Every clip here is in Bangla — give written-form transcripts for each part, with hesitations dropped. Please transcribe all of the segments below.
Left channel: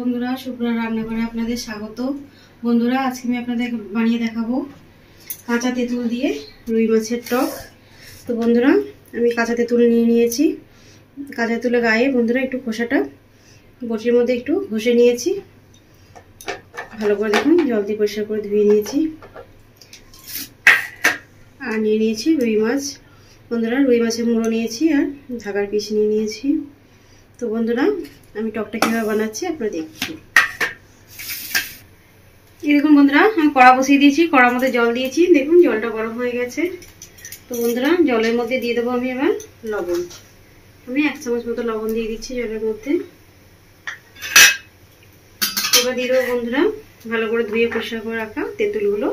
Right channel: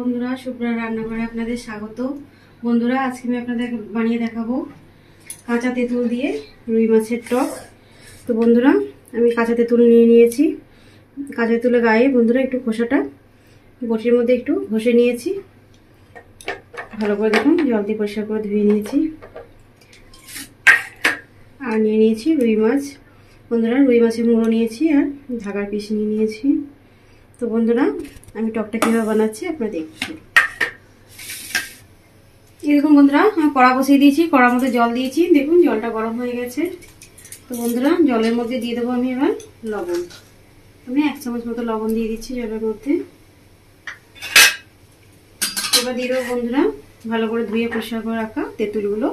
বন্ধুরা, শুভ্রা রান্নাঘরে আপনাদের স্বাগত। বন্ধুরা, আজকে আমি আপনাদের বানিয়ে দেখাবো কাঁচা তেঁতুল দিয়ে রুই মাছের টক। তো বন্ধুরা, আমি কাঁচা তেঁতুল নিয়ে নিয়েছি। কাঁচা তেঁতুলের গায়ে বন্ধুরা একটু খোসাটা বটির মধ্যে একটু ঘষে নিয়েছি। ভালো করে দেখুন, জল দিয়ে পরিষ্কার করে ধুয়ে নিয়েছি। আর নিয়ে নিয়েছি রুই মাছ। বন্ধুরা, রুই মাছের মুড়ো নিয়েছি আর ঢাকার পিস নিয়ে নিয়েছি। তো বন্ধুরা, আমি টকটা কীভাবে বানাচ্ছি আপনারা দেখুন। এই দেখুন বন্ধুরা, আমি কড়া বসিয়ে দিয়েছি। কড়ার মধ্যে জল দিয়েছি। দেখুন জলটা গরম হয়ে গেছে। তো বন্ধুরা, জলের মধ্যে দিয়ে দেবো আমি এবার লবণ। আমি 1 চামচ মতো লবণ দিয়ে দিচ্ছি জলের মধ্যে। এবার দিয়ে দেবো বন্ধুরা ভালো করে ধুয়ে পরিষ্কার করে রাখা তেঁতুলগুলো।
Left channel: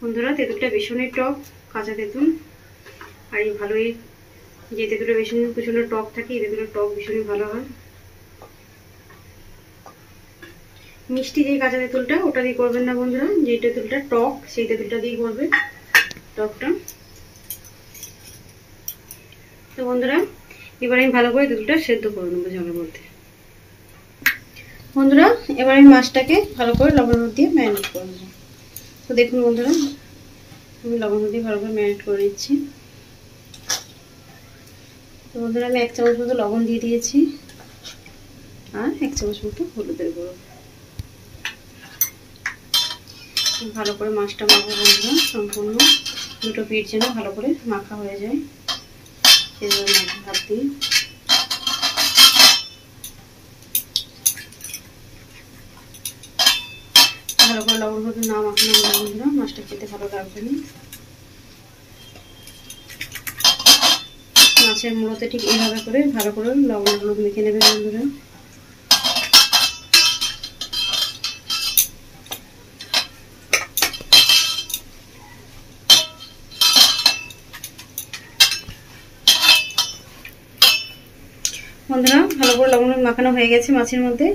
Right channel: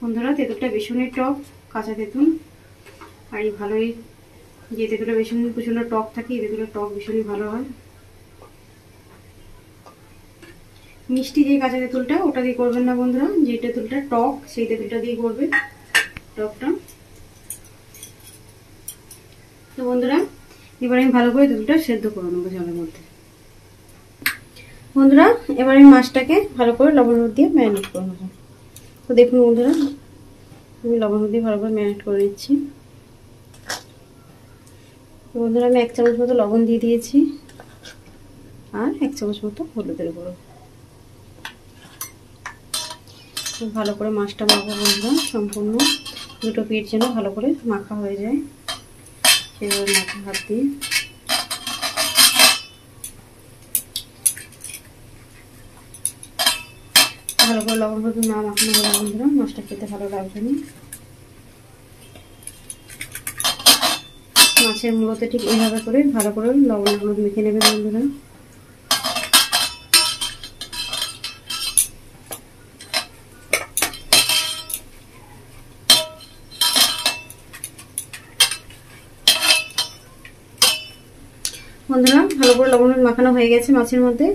বন্ধুরা, তেঁতুলটা ভীষণই টক, কাঁচা তেঁতুল। আর এই ভালোই যে তেঁতুলটা ভীষণ প্রচণ্ড টক থাকে, এই তেঁতুলের টক ভীষণই ভালো হয়। মিষ্টি যে কাঁচা তেঁতুলটা, ওটা দিয়ে করবেন না বন্ধুরা। যে তেঁতুলটা টক, সেই তেঁতুলটা দিয়ে করবেন টকটা। তো বন্ধুরা, এবার আমি ভালো করে তেঁতুলটা সেদ্ধ করে নেবো জলের মধ্যে। বন্ধুরা, এবার আমি মাছটাকে ভালো করে লবণ দিয়ে ম্যারিনেট করে নেবো। তো দেখুন বন্ধুরা, আমি লবণ দিয়ে ভালো করে ম্যারিনেট করে নিচ্ছি। তো বন্ধুরা, আমি 1 চামচ মতো লবণ দিয়ে দিয়েছি আর 1 চামচ মতো হলুদের গুঁড়ো। ভালো করে মাছটা মাখবো বন্ধুরা, সম্পূর্ণ দুটো পিঠ যেন ভালো করে মাখা হয়ে যায় সেভাবে মাখা হাত দিয়ে। ভালো করে লবণ হলুদ না মাখানো হলে বন্ধুরা মাছটা খেতে ভালো লাগবে না। মাছের মুড়োতে ঠিক এইভাবে করে ভালো করে লবণ হলুদ মেখে নেবেন বন্ধুরা। বন্ধুরা, ভালো করে লবণ মাখানো হয়ে গেছে মাছের মধ্যে।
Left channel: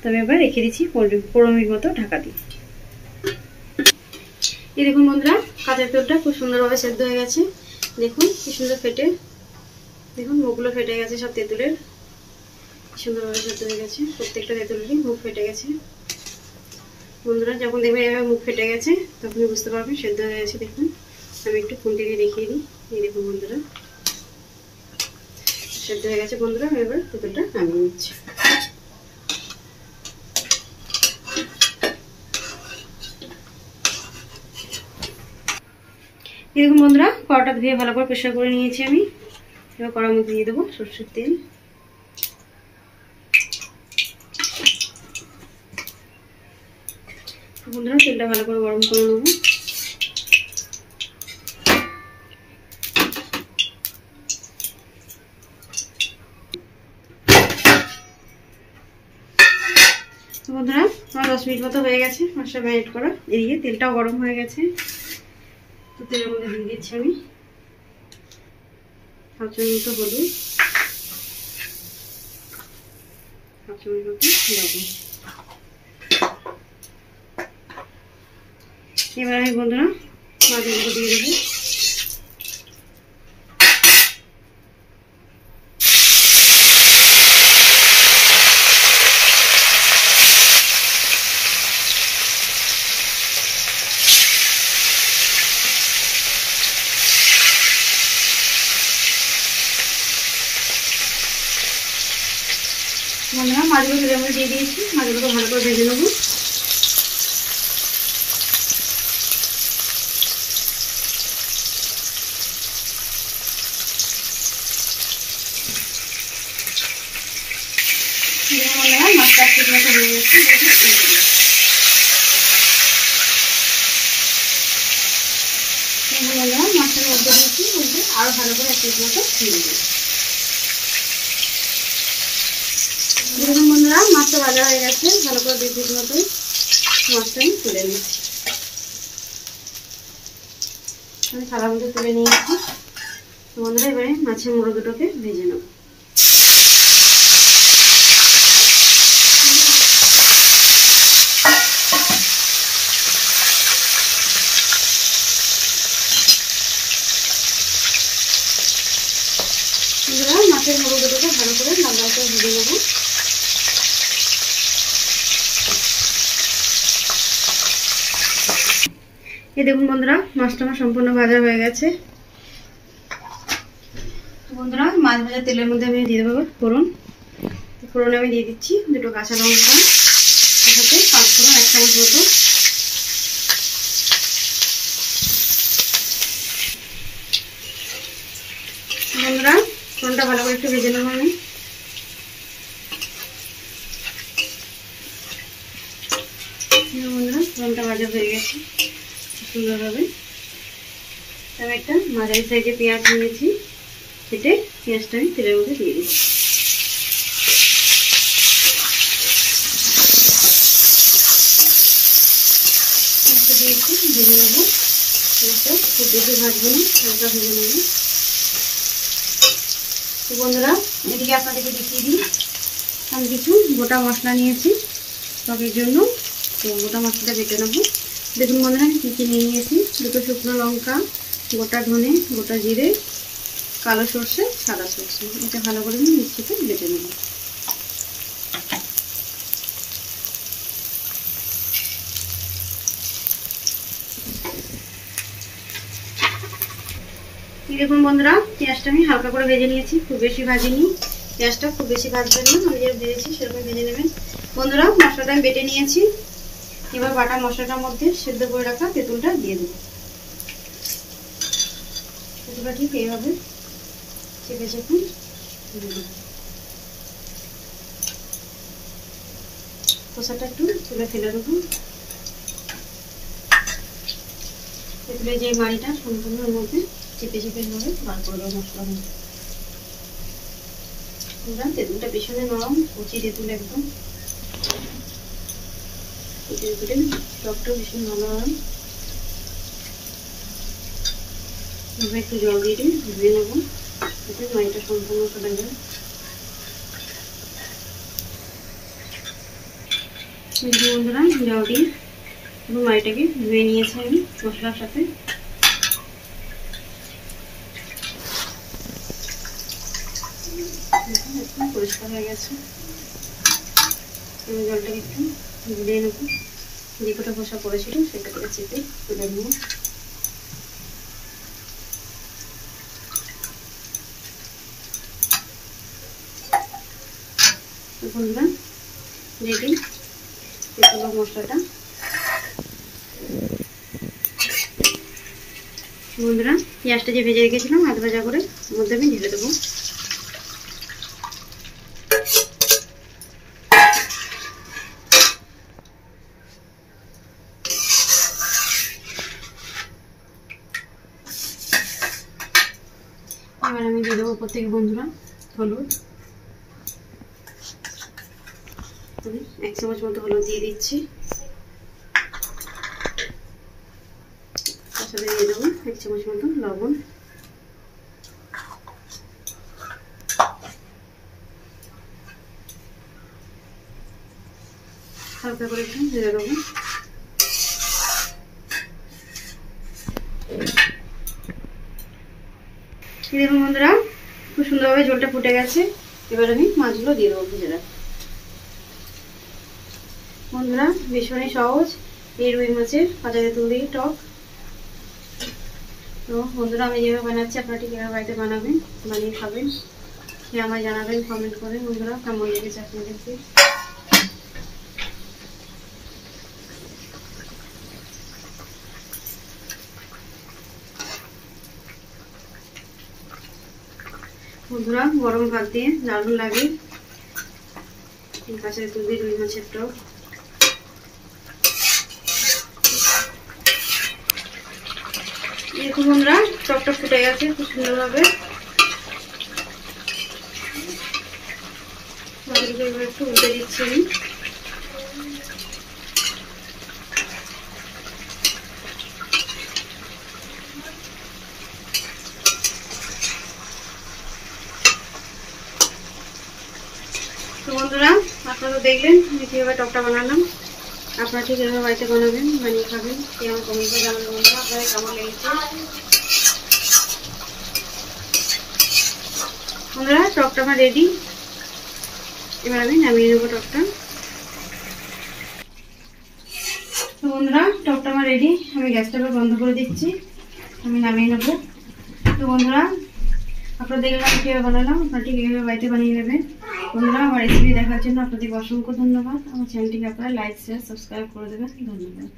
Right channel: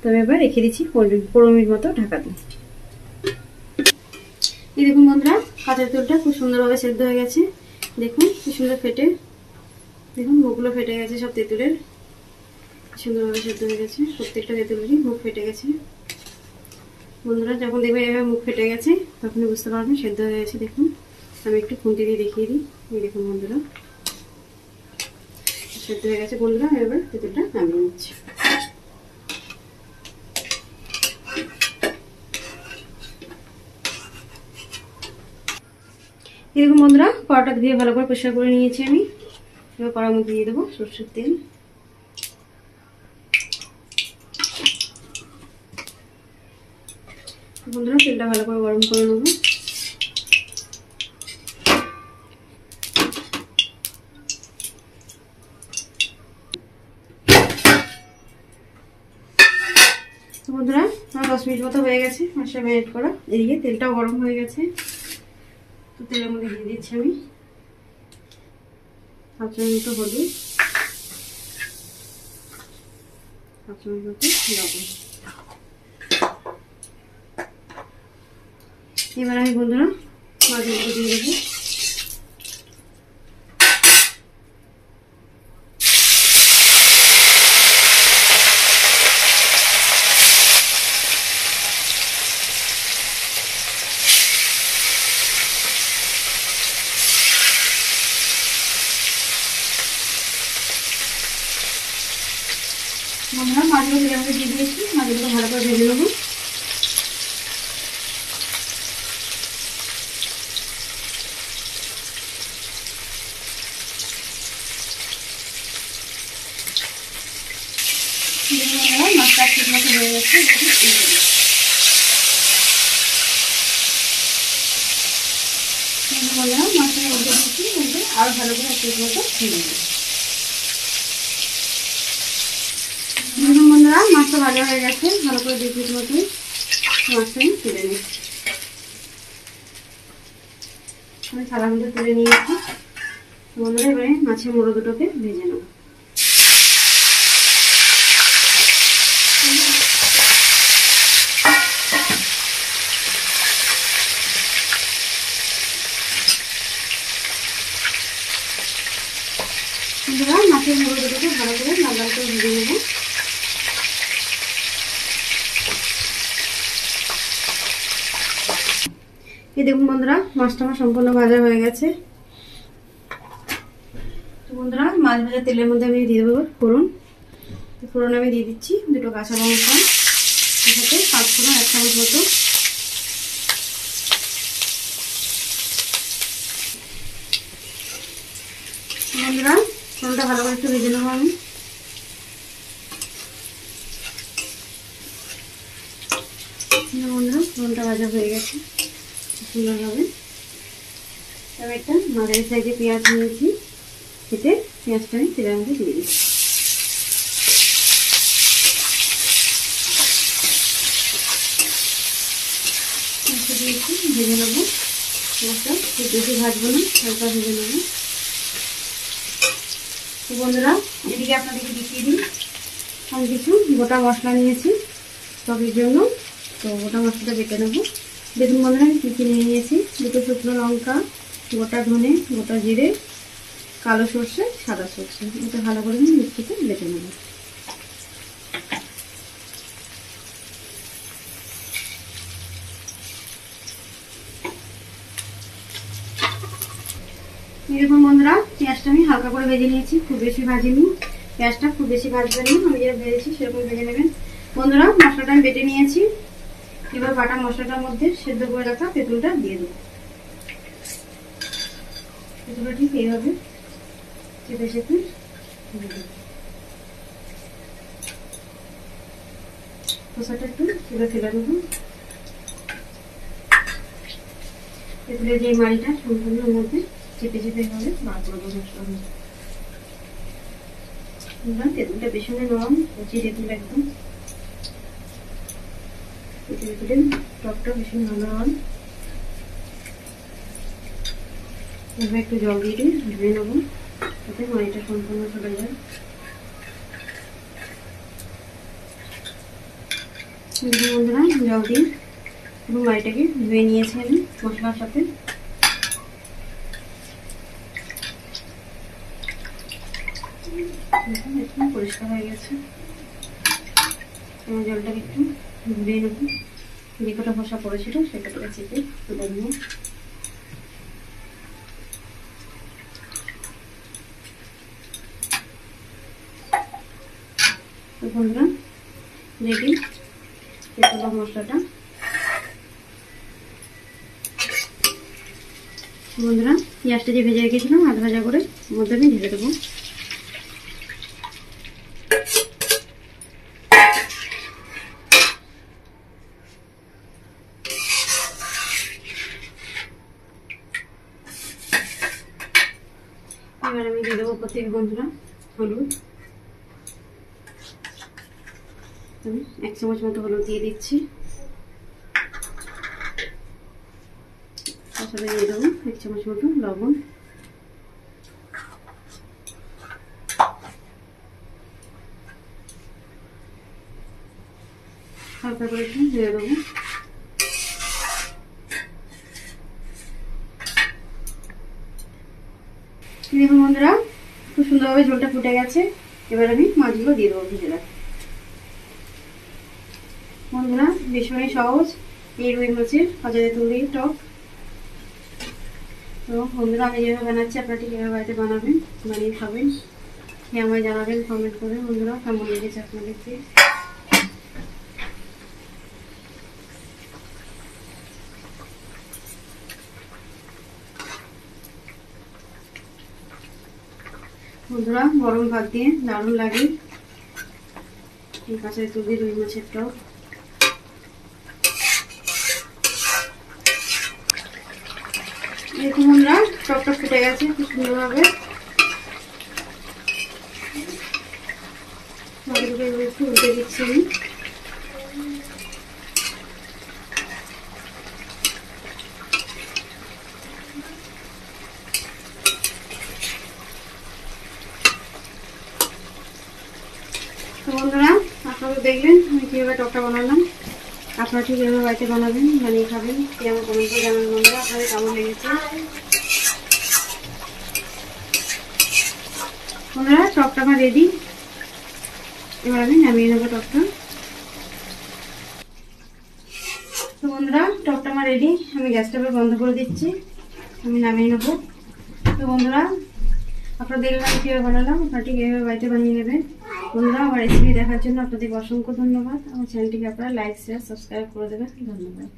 তো আমি এবার রেখে দিচ্ছি 15 মিনিট মতো ঢাকা দিয়ে। এই দেখুন বন্ধুরা, কাঁচা তেঁতুলটা খুব সুন্দরভাবে সেদ্ধ হয়ে গেছে। দেখুন কি সুন্দর ফেটে, দেখুন মুখগুলো ফেটে গেছে সব তেঁতুলের। সুন্দরভাবে সেদ্ধ হয়ে গেছে, প্রত্যেকটা তেঁতুলেরই মুখ ফেটে গেছে। বন্ধুরা, যখন দেখবেন এভাবে মুখ ফেটে গেছে তখনই বুঝতে পারবেন সেদ্ধ হয়ে গেছে। দেখুন আমি একটু খুন্তি দিয়ে দেখিয়ে দিই। এই দেখুন বন্ধুরা, সেদ্ধ হয়ে গেছে। বন্ধুরা, আমি এবার তেঁতুলটা নামিয়ে নিচ্ছি। এরকম বন্ধুরা, কড়াটা ধুয়ে ভালো করে পরিষ্কার করে নিয়েছি আমি। এবার কড়ার মধ্যে দিয়ে দেবো সরষের তেল। বন্ধুরা, তেলটা ভালো করে গরম করে নেবো। বন্ধুরা, আমার 10 মিনিট মতো হয়ে গেছে মশলা ম্যারিনেট করা। এদিকে তেলটাও গরম হয়ে গেছে। তো তেলের মধ্যে দিয়ে দিচ্ছি আমি 1/2 চামচ মতো হলুদ, 1/2 চামচ মতো লবণ। এবার আমি বন্ধুরা মাছগুলো দিয়ে দেবো। বন্ধুরা, মাছগুলো তেলের মধ্যে দিয়ে দিয়েছি। মাছগুলো ভালো করে ভেজে নেবো। মাছটা ঠিক মতো হয়ে গেছে। মাছটাকে উল্টে দিয়েছি, উল্টে আরো ভালো করে এক পিস মতো ভেজে নেব। বন্ধুরা, মাছটা ভাজা হয়ে গেছে। ভালো করে 2 পিস মতো মাছটা আমি তুলে নিচ্ছি। আমি থালার মধ্যে তুলে নিয়েছি। বন্ধুরা, এবারে মাছের মুড়ো দুটোকে ভেজে নেব। মাছের মুড়ো দুটোকে ভালো করে লাল লাল করে ভেজে নেব। এই দেখুন বন্ধুরা, মাছটা আমার সম্পূর্ণ ভাজা হয়ে গেছে। তো বন্ধুরা, মাছ ভাজা তেলের মধ্যে আমি দিয়ে দেবো ফোড়ন। ফোড়নে আমি দিয়ে দিচ্ছি 2টো কাঁচা লঙ্কা, তার সাথে 5 ফোড়ন 1 চামচ মতো। বন্ধুরা, ফোড়নটা ভালো করে একটু ভেজে নেবো আমি। বন্ধুরা, ফোড়নটা ভাজা হয়ে গেছে সুন্দরভাবে। তবে একটা মাঝারি সাইজে পেঁয়াজ নিয়েছি, কেটে পেঁয়াজটা আমি তেলের মধ্যে দিয়ে দিচ্ছি। দিয়েছি, ভেজে নেবো। পেঁয়াজটা খুব বেশি ভাজবো না, হালকা ভেজে নেবো। তো বন্ধুরা, এদিকে আপনাদেরকে দেখিয়ে দিই, আমি কিছু গোটা মশলা নিয়েছি তরকারির জন্য। তো গোটা মশলাটা বেটে নেবো। দেখুন বন্ধুরা, আমি কী কী নিয়ে নিয়েছি। 2টো শুকনো লঙ্কা, গোটা ধনে, গোটা জিরে, কালো সর্ষে, সাদা সর্ষে। এটা ভালো করে আমি মিক্সিতে বেটে নেব। দেখুন বন্ধুরা, পেঁয়াজটা আমি হালকা করে ভেজে নিয়েছি, খুব বেশি ভাজিনি। পেঁয়াজটা খুব বেশি ভাজবেন না, আমি যেটা ভেজেছি সেরকম ভেজে নেবেন। বন্ধুরা, মশলাটা আমি বেটে নিয়েছি। এবার বাটা মশলাটার মধ্যে সেদ্ধ করে রাখা তেঁতুলটা দিয়ে দেবো। তেঁতুলটা ঠিক এইভাবে চেপে চেপে দিয়ে দেবো। খোসাটা একটু তুলে ফেলে দেবো। তেঁতুলের যে মাড়িটা সম্পূর্ণ মধ্যে চেপে চেপে এভাবে বার করে দেবো মশলা দিয়ে। তেঁতুলটা ভীষণ নরম, কচি তেঁতুল একদম। তেঁতুলের টকটা ভীষণ ভালো হয়। এবার একটু জল দিয়ে ধুয়ে নেবো, যাতে মাড়িটা সম্পূর্ণ চলে যায়। বন্ধুরা, জল দিয়ে পুরো মাড়িটাকে ধুয়ে নিয়েছি আমি মশলার সাথে। একদম পরিষ্কার হয়ে গেছে। আমি জলটাকে একটু ধুয়ে নেব, যে কটা খোসা পড়েছিল সেটা করে চেপে তুলে নেব। বন্ধুরা, রেডি তেঁতুল মশলাটা। বন্ধুরা, পেঁয়াজটা যে ভেজে রেখেছিলাম আধ ভাজা করে ওর মধ্যে আমি ঢেলে দেবো। এবার আমি দিয়ে দেবো উপর থেকে বন্ধুরা হলুদ। আমি 1 চামচ মতো হলুদ দিয়ে দিচ্ছি। তার সাথে দিয়ে দেবো 1 চামচ মতো লবণ। হালকা করে একটু দিয়ে দেবো। দেখুন বন্ধুরা, খুব সুন্দরভাবে ঝোলটা ফুটে গেছে। এবার আমি মাছগুলো দিয়ে দেবো ভেজে রাখা। বন্ধুরা, ভীষণই সহজ এই রুই মাছের ভাজা তেঁতুল দিয়ে টক। তো বন্ধুরা, আমি যেভাবে বানাচ্ছি আপনারা ঠিক এভাবে বাড়িতে বানাবেন, বানিয়ে খাবেন, খেয়ে আমায় জানাবেন কমেন্ট করে। বন্ধুরা, কেমন লেগেছে আপনাদেরকে। বন্ধুরা, গরম ভাত দিয়ে দারুণ লাগে কাঁচা তেঁতুল দিয়ে রুই মাছের টক। দেখুন বন্ধুরা, টকটা ফুটে গেছে খুব সুন্দরভাবে। একটু উল্টে দিচ্ছি আমি। তো বন্ধুরা, আপনারা দেখলেন আমি কীভাবে টকটা বানালাম। আপনারা ঠিক এভাবে বাড়িতে বানাবেন, বানিয়ে খাবেন, খেয়ে আমার কমেন্টে জানাবেন বন্ধুরা আপনাদের কেমন লেগেছে। বন্ধুরা, টকটা আমার রেডি। এবার আমি নামিয়ে নেবো টকটা। তো বন্ধুরা, টকটা আমার আমার রেডি। আমি গ্যাসটা বন্ধ করে দিচ্ছি, আমি নামিয়ে নেবো। তো বন্ধুরা, আপনারা দেখলাম কীভাবে বানালাম, আপনারা ঠিক এইভাবে বাড়িতে বানিয়ে নেবেন। বন্ধুরা, আমার রেসিপি দেখার জন্য আপনাদেরকে অসংখ্য ধন্যবাদ। আমার চ্যানেলটিকে আপনারা লাইক শেয়ার সাবস্ক্রাইব করে দেবেন। ধন্যবাদ।